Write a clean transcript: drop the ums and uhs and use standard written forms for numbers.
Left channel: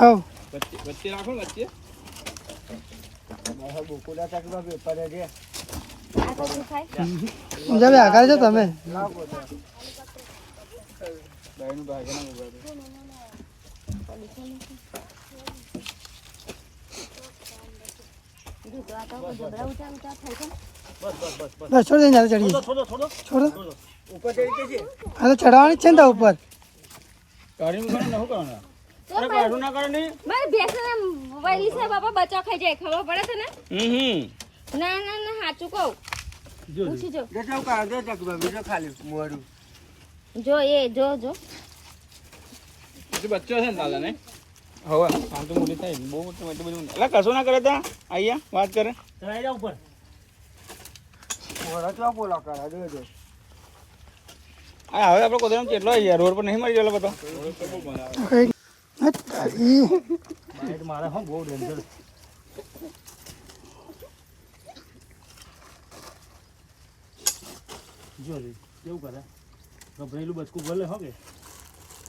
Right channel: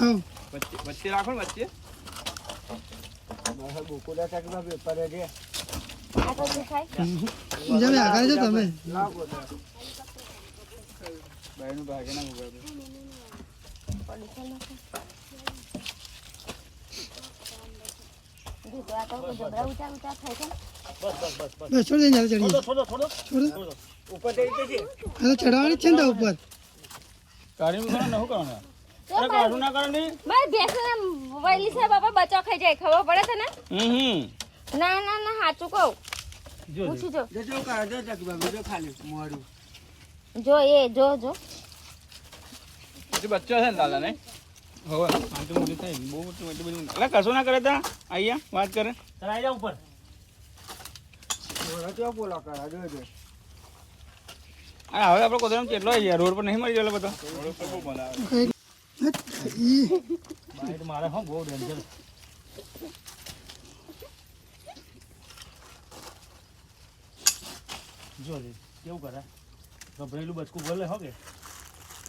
આવ વચ્ચે રાખો ને વચ્ચે. બોકુલા ચાકવા પેપર છે જમે આગળ છો તમે બાયનું ભાગે ના ઉગાડે. બસ છોડ દે ચડી છોડ ઉપર ચડી કે છે હા તો ચડાવવાની જ છે ને તો ઉપર કાઢી મૂકો ને શું કરવાનું? અરે કાઢું ના કરો ને. બસ ભેંસ વળી છે બાપા બચાવ ખાઈ જાય ખબર પડે છે ને ના ના ના સાચું કહું જો પૂછી જો જે ચાલ કાઢે ચાકવા બીજો ખાલી મોરું જો એ જો જો બચ્ચો છે ને દાદા ને. હવે આ તો મોટી થાય બહુ મોટી બધી. એટલે કશું ના કરે તા અહીંયા વાત કરે. આવી જા ઉપર મોરા તો બોલા કરા જોજો હા હવે આપણે કોદરામ કેટલો યાર રોડ પર નહીં મરી ગયેલો બધા. મારે હા બહુ ડેન્જર. જો કેવું કરે ગભરેલું બચકું ભલે હો કે